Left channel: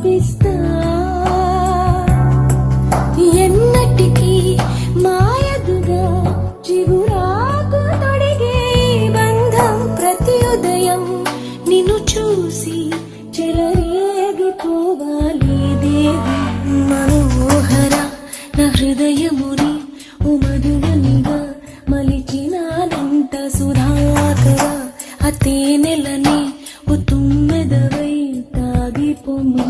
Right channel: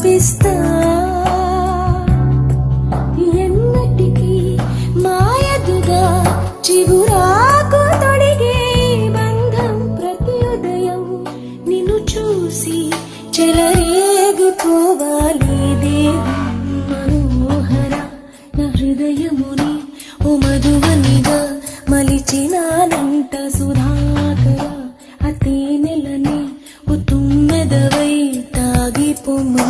చూపిస్తా ఎన్నటికీ మాయదిగా చిగురాకు తొడిగే బంధం ప్రతి ఉదయం నిన్ను చూసి చెలరేగిపోవాలి దేహం మనోహర నా హృదయముని ఓ మధువనిగా మలిచినాలంట సుధాకర అతి నెలని ఓ తుమ్మెదవై తాగిపోము